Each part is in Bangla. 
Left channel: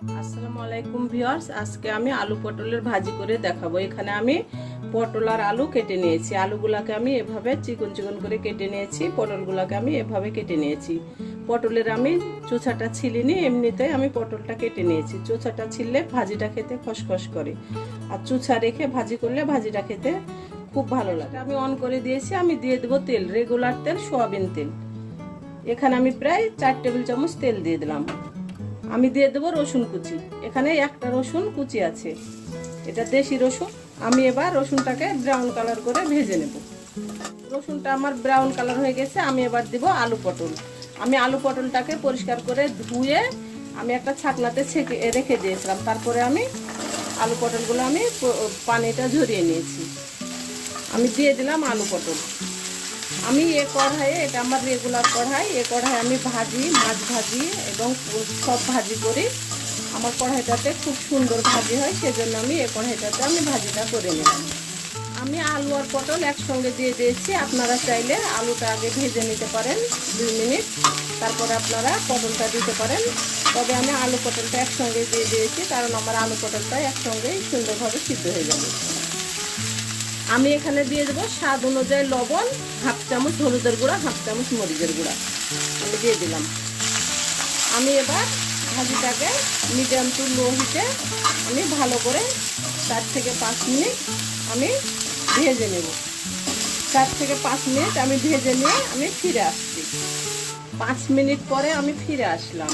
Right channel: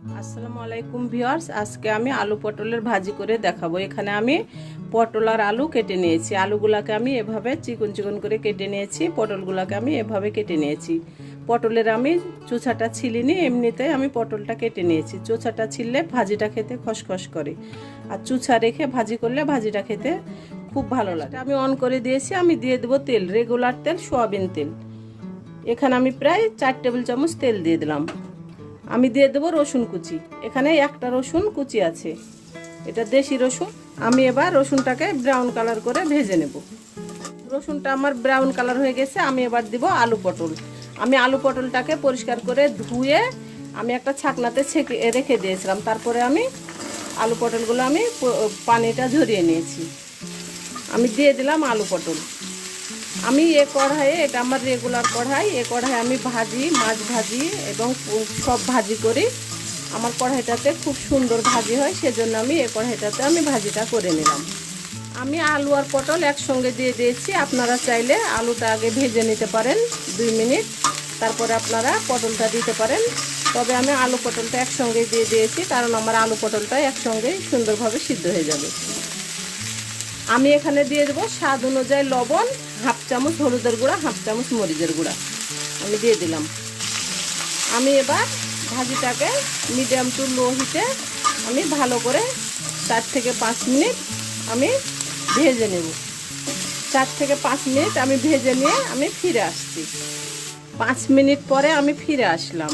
আসসালামু আলাইকুম ভিউয়ার্স, আজকে আমি আলু পটলের ভাজি করে দেখাবো। এখানে আমি পটল আর আলু কেটে নিয়েছি। আলুগুলাকে আমি এভাবে চিকন চিকন করে কেটে নিয়েছি, পটলগুলাকে আমি এভাবে কেটে নিয়েছি। পটলের আমি চোচাটা ছিলিনি, এমনিতে আমি পটলটা কেটে নিয়েছি। চোচাটা ছিললে ভাজিটা খেতে খসখস করে, আর চুচা রেখে ভাজি করলে ভাজিটা খেতে খুব ভালো লাগে। আমি অন করে দিয়েছি। আমি দিয়ে দেবো তেল, রেগুলার তেল, সয়াবিন তেল। এখানে আমি প্রায় 4 টেবিল চামচ তেল দিয়ে দিলাম। আমি দিয়ে দেবো রসুন কুচি। এখানে একটা রসুন কুচি আছে, এটা দেশি রসুন। আমি এবার রসুনটাকে ব্রাউন কালার করে ভেজে নেব। রসুনটা আমার ব্রাউন কালার হয়ে গেছে। আমি এবার দিব আলু পটল। আমি আলু পটলটাকে পরিষ্কার করে ধুয়ে আমি একটা ছাকনাতে ছেঁকে রেখে দিয়েছিলাম। তারপরে আমি আলু পটলগুলো আমি পানিটা ঝরিয়ে নিয়েছি। আমি দিয়ে দিলাম আলু পটল। আমি এ কড়াইয়ে, এটা আমার রেগুলার কড়াই, এ কড়াই আমি ভাজি, মাছ ভাজি এবং সব ভাজি করি। আমার কড়াইটাতে খুব সুন্দর ভাজি হয়, সেজন্য আমি এ কড়াইটাতে আমি ভাজিটা করে নিলাম। আমি আলু আর পটল একসঙ্গে দিয়ে দিয়েছি। আপনারা চাইলে আলুটা আগে ভেজে নিতে পারেন 2 মিনিট, তারপরে আপনারা পটলটা দিতে পারেন। তবে আমি আলু পটলটা একসঙ্গে দিয়ে দিয়েছি, কারণ আমার আলু পটলটা একসঙ্গেই সুন্দরভাবে সিদ্ধ হয়ে যাবে। আমি এখানে দিয়ে দেবো স্বাদ অনুযায়ী লবণ, হাফ চামচ হলুদের গুঁড়া, হাফ চামচ মরিচের গুঁড়া আমি দিয়ে দিলাম। আমি এবার ভাজিটাকে মিডিয়াম টু লো হিটে আমি ভালো করে 4 থেকে 5 মিনিট আমি ভেজে নেব। 4 থেকে 5 মিনিট আমি ভেজে নিয়ে আমি ফিরে আসছি। 5 মিনিট পরে আমি ফিরে আসলাম।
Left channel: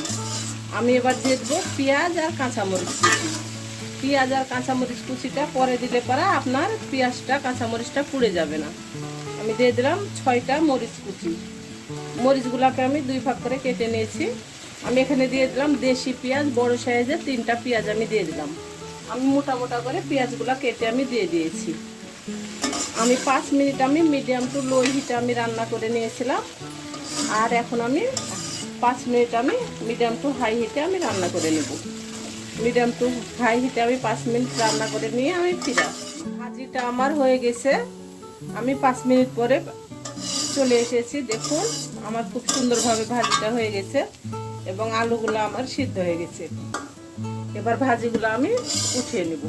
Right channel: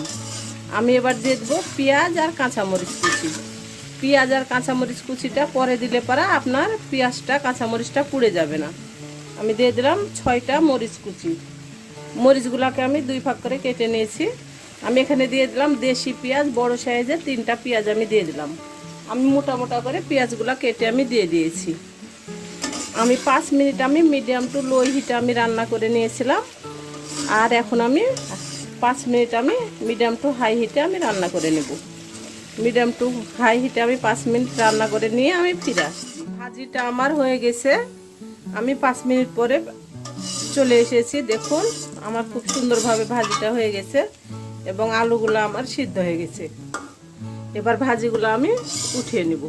আমি এবার দিয়ে দেবো পেঁয়াজ আর কাঁচামরিচ কুচি। পেঁয়াজ আর কাঁচামরিচ কুচিটা পরে দিলে পরে আপনার পেঁয়াজটা কাঁচামরিচটা পুড়ে যাবে না। আমি দিয়ে দিলাম 6টা মরিচ কুচি। মরিচগুলোকে আমি 2 ভাগ করে কেটে নিয়েছি। আমি এখানে দিয়ে দিলাম দেশি পেঁয়াজ, বড় সাইজের 3টা পেঁয়াজ আমি দিয়ে দিলাম। আমি মোটা মোটা করে পেঁয়াজগুলো কেটে আমি দিয়ে দিয়েছি। আমি 5 মিনিট আমি মিডিয়াম টু লো হিটে আমি রান্না করে নিয়েছিলাম। আর এখন আমি 5 মিনিট আমি মিডিয়াম টু হাই হিটে আমি রান্না করে নেব। মিডিয়াম টু হাই হিটে আমি 5 মিনিট রান্না করে নিয়ে আমি ফিরে আসছি। ভাজিটা আমার হয়ে গেছে। আমি 5 মিনিট পরে চলে এসেছি। দেখুন আমার খুব সুন্দরভাবে ভাজিটা হয়ে গেছে এবং আলুগুলো আমার সিদ্ধ হয়ে গেছে। এবার ভাজিগুলো আমি উঠিয়ে নেব।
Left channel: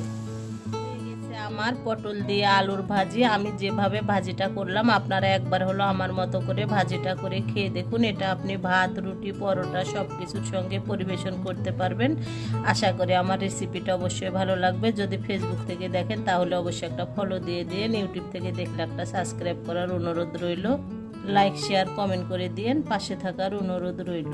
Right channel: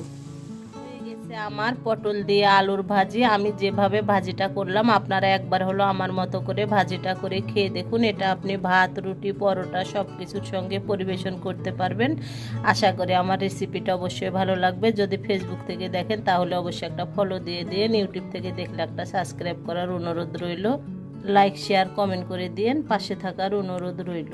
আমার পটল দিয়ে আলুর ভাজি। আমি যেভাবে ভাজিটা করলাম আপনারা একবার হলো আমার মতো করে ভাজিটা করে খেয়ে দেখুন। এটা আপনি ভাত, রুটি, পরোটা সব কিছুর সঙ্গে পরিবেশন করতে পারবেন। আশা করি আমার রেসিপিটা অবশ্যই ভালো লাগবে। যদি ফেসবুক থেকে দেখেন তাহলে অবশ্যই একটা ফলো দিয়ে দিন। ইউটিউব থেকে দেখলে একটা সাবস্ক্রাইব করার অনুরোধ রইল। লাইক, শেয়ার, কমেন্ট করে দিন। পাশে থাকার অনুরোধ রইল।